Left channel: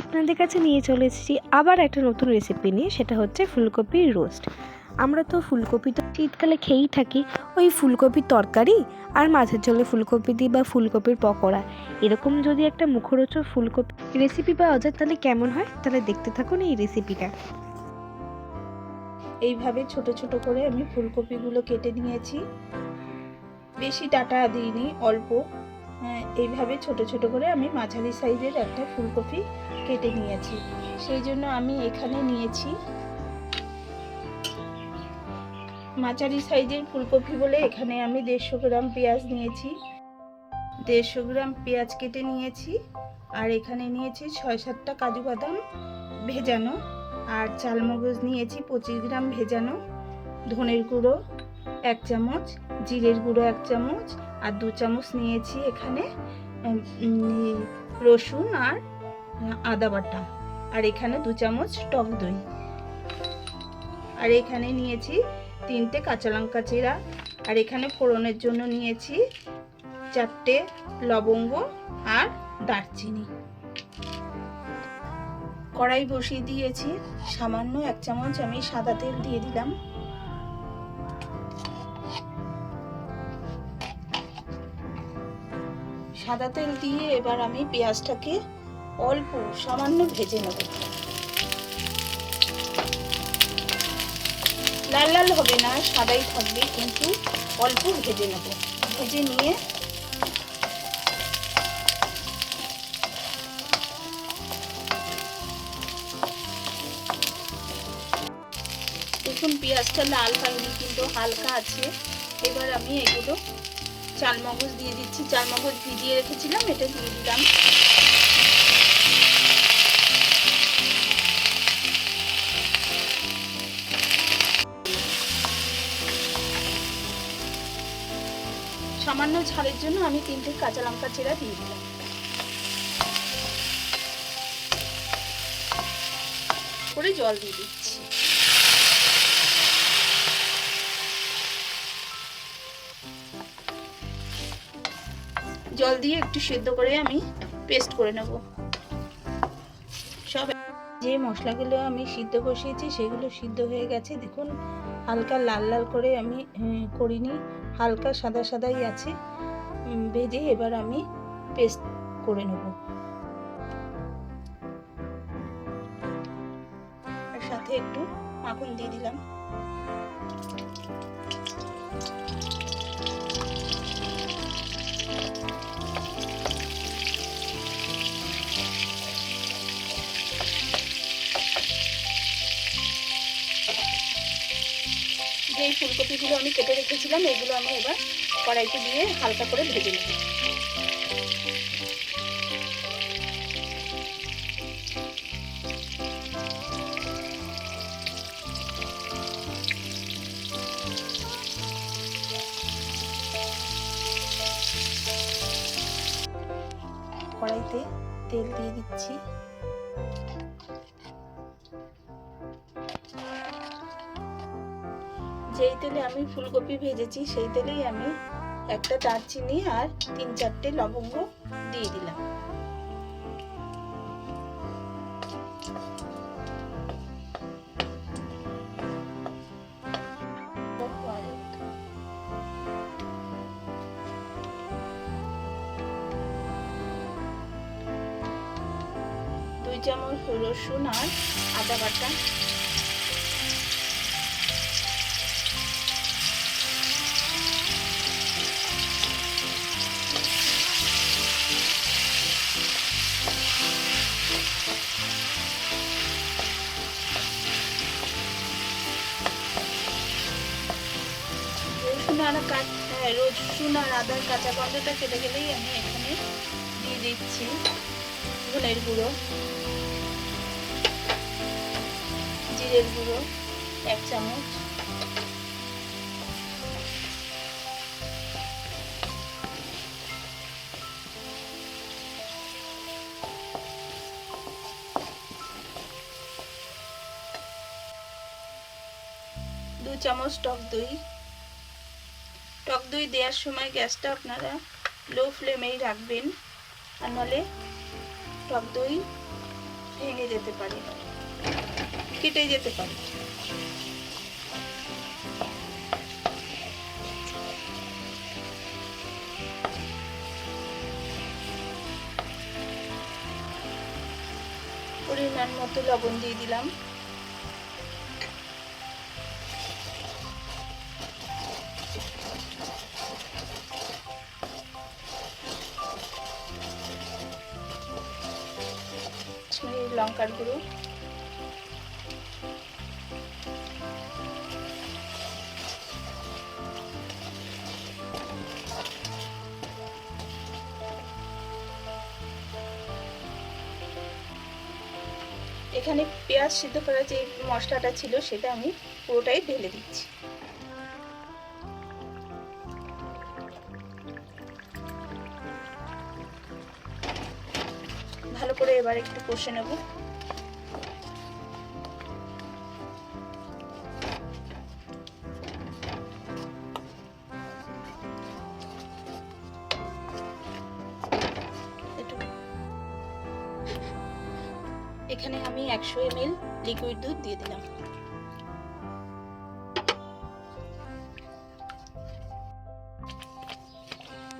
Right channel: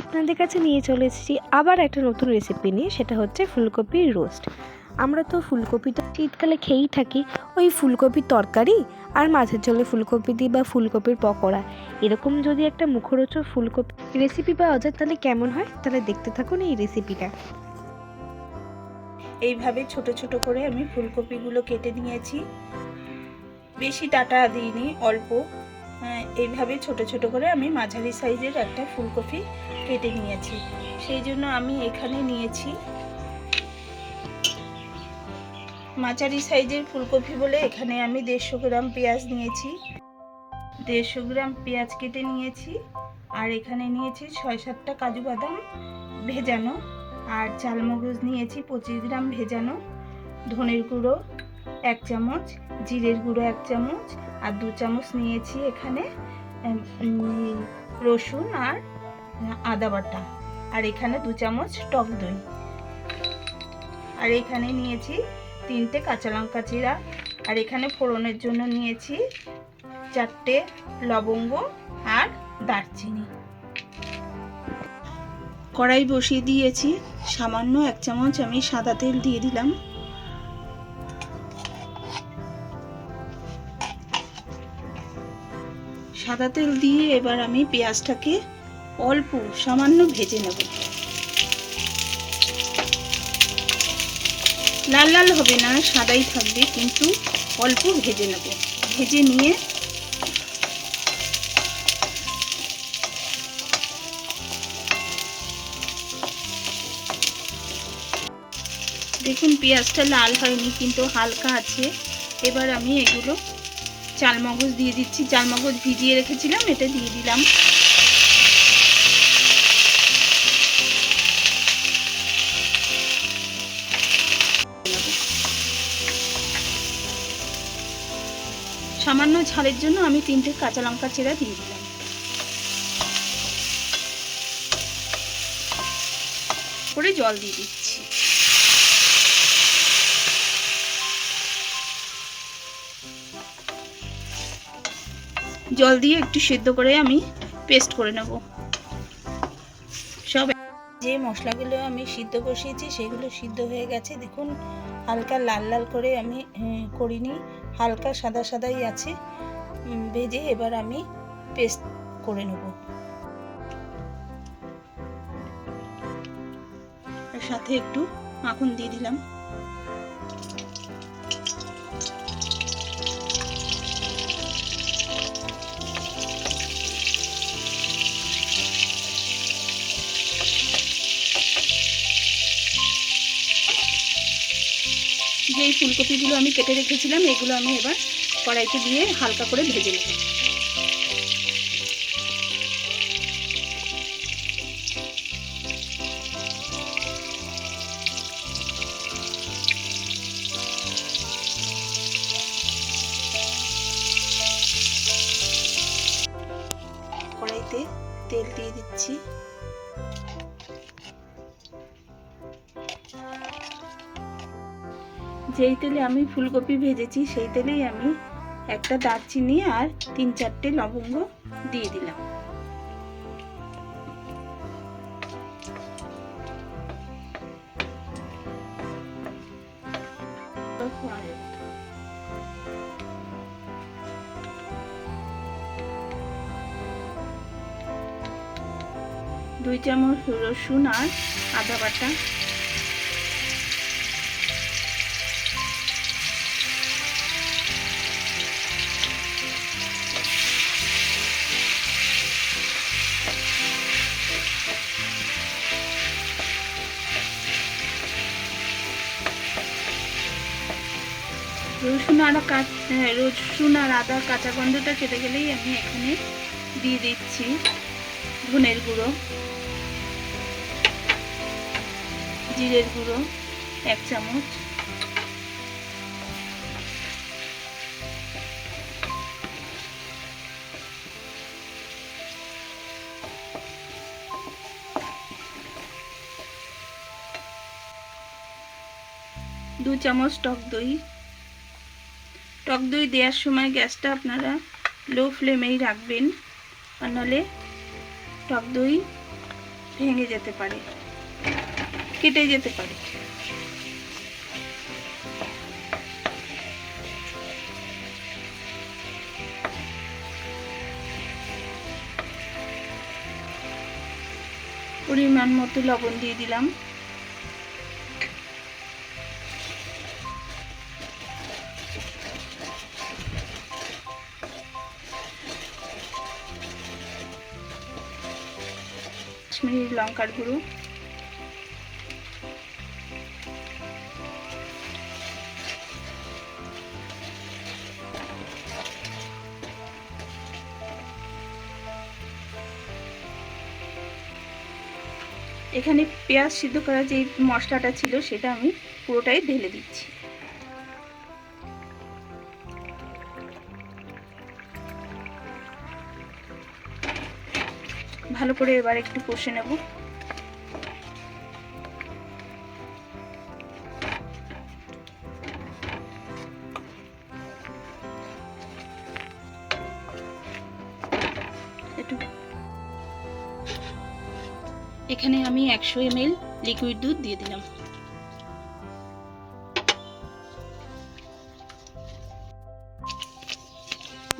আপনাদের কাছে নিয়ে চলে এসেছি আবার একটা নতুন রেসিপি নিয়ে, সেটা হচ্ছে ফুলকপির রোস্ট। আমরা তো ফুলকপি তো শীতকালে খেয়েই থাকি, ওই ফুলকপির তরকারি আর মাছের ঝোলে ফুলকপি দিই বা ফুলকপির পকোড়া। এরকম যদি একটা মুখরোচক ফুলকপি রেসিপি পাওয়া যায় তাহলে কেমন হয়? তাহলে দেখতে থাকুন এই রেসিপিটা। এইভাবে ছোট ছোট করে আমি ফুলকপিগুলো কেটে নিয়েছি, বেশি ডাঁটা দিইনি, অল্প। এইভাবে ছোট ছোট করে আমি মাঝারি সাইজের একটা ফুলকপি কেটে নিয়েছি। সেই জন্য আমি এখানে নিয়েছি মাঝারি সাইজের ফুলকপি বলে এখানে আমি 150 গ্রাম পেঁয়াজ নিয়েছি। 150 গ্রাম পেঁয়াজ কেটে নিয়েছি। আর এখানে নিয়েছি 6-7টা কাজু বাদাম ভেজানো, আর চালমগজ নিয়েছি 25 গ্রাম ভেজানো, ধনের গুঁড়ো 1 চামচ, জিরের গুঁড়ো 1 চামচ, আর 2 চামচ নিয়েছি এখানে রসুন আর আদা বাটা, আর এখানে 2 চামচ টক দই, আর এখানে নিয়েছি 3টে কাঁচা লঙ্কা চিরা, আর এখানে ফোড়নের জন্য নিয়েছি 4টে লবঙ্গ আর দারচিনি। কড়াই বসিয়ে দিয়েছি, সামান্য 1 চামচ আমি সাদা তেল দিয়ে দিলাম। সাদা তেল দিয়ে এবার আমি পেঁয়াজটাকে অল্প সামান্য ভেজে নেব। লাল লাল হবে না, সাদাই থাকবে, কিন্তু অল্প ভেজে নেব। ভেজে নিয়ে দেখুন পেঁয়াজটা লাল হয়নি, কিন্তু হালকা আছে। এবার আমি এগুলো চালমগজ দিয়ে দিচ্ছি, চালমগজ ভিজিয়ে রেখেছিলাম, এটা দিয়ে দিলাম। সামান্য ঝালের জন্য আমি 3টে কাঁচা লঙ্কা চিরা দিয়ে দিলাম। করে জল দিয়ে দিচ্ছি। জল দিয়ে একটু সেদ্ধ করে আমি পেস্ট করে নেব। সব যে মশলাগুলো আমি সিদ্ধ বসিয়েছি সেগুলো সিদ্ধ হয়ে গেছে। দেখুন হালকা লাল লাল করে আমি করিনি, হালকা সাদা সাদাই আছে ভেজে। এবার আমি পেস্ট করে নেব। আর সাথে একটু মাখন দিয়ে দিলাম। যে ফুলকপিগুলো আমি কেটে রেখেছিলাম এগুলো আমি এবার কড়াইতে দিয়ে হালকা করে ভেজে নেব। কড়াইতে তেল দিয়ে দিচ্ছি। যেই তেলে আমি ফুলকপি ভেজেছি সেই তেলেই আমি একটা দারচিনি আর 3-4টে লবঙ্গ দিয়ে দিলাম। দুই চামচ রসুন আর আদা বাটা, রসুন আর আদার কাঁচা গন্ধটা কেটে গেলেই আমি এখানে দিয়ে দিচ্ছি ধনের গুঁড়ো, জিরের গুঁড়ো 1 চামচ, দু চামচ টক দই। টক দই দেওয়ার সময় গ্যাসটা আপনারা লো ফ্লেমেই রাখবেন, আর নাহলে টক দই ভেঙে যেতে পারে, কেটে যেতে পারে। পরিমাণ মতো লবণ দিয়ে দিলাম। কাশ্মীরি লঙ্কার গুঁড়ো, এখানে পেঁয়াজ সিদ্ধ করা যে মশলাটা ছিল সেটা আমি পুরোটাই ঢেলে দিচ্ছি। ভালো করে এবার একটু কষে নেব। এখানে আমি 100 ml লিকুইড দুধ দিয়ে দিলাম।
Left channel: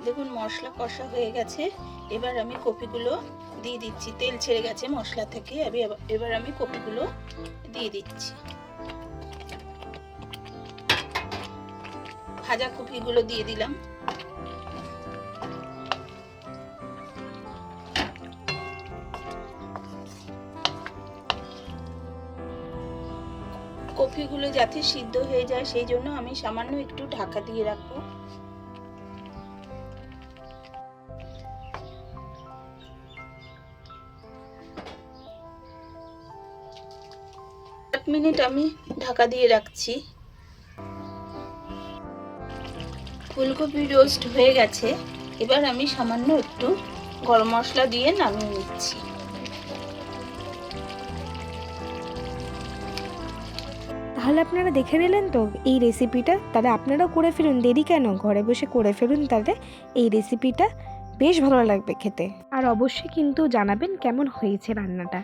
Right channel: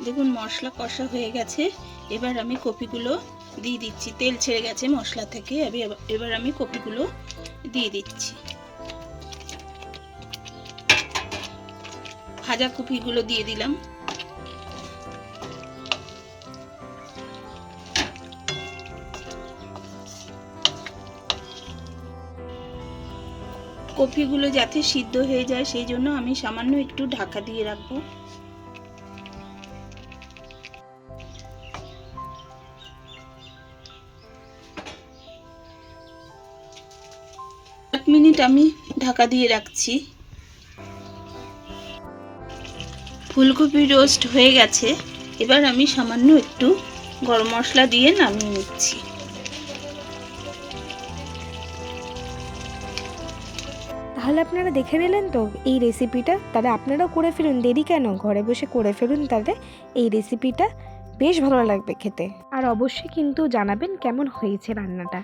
দেখুন মশলা কষা হয়ে গেছে। এবার আমি কপিগুলো দিয়ে দিচ্ছি। তেল ছেড়ে গেছে মশলা থেকে। এবার আমি কপিগুলো দিয়ে দিচ্ছি। ভাজা কপিগুলো দিয়ে দিলাম। কপিগুলো যাতে সিদ্ধ হয়ে যায় সেই জন্য আমি সামান্য একটু ঢাকা দিয়ে রাখবো। 8 মিনিট আমি ঢাকা দিয়ে রাখছি। ফুলকপি রোস্ট হয়ে গেছে। এবার আমি সামান্য একটু গরম মশলা দিয়ে নামিয়ে নিচ্ছি। তাহলে আপনারা দেখে নিলেন তো এই রেসিপিটা, তাহলে আপনারাও করে ফেলুন, দেরি কেন, ঘরে বসে করে ফেলুন। তাহলে এই রেসিপিটা বেশ ভালো লাগবে খেতে। আর অবশ্যই কিন্তু জানাবেন কেমন হয়েছে রান্নাটা।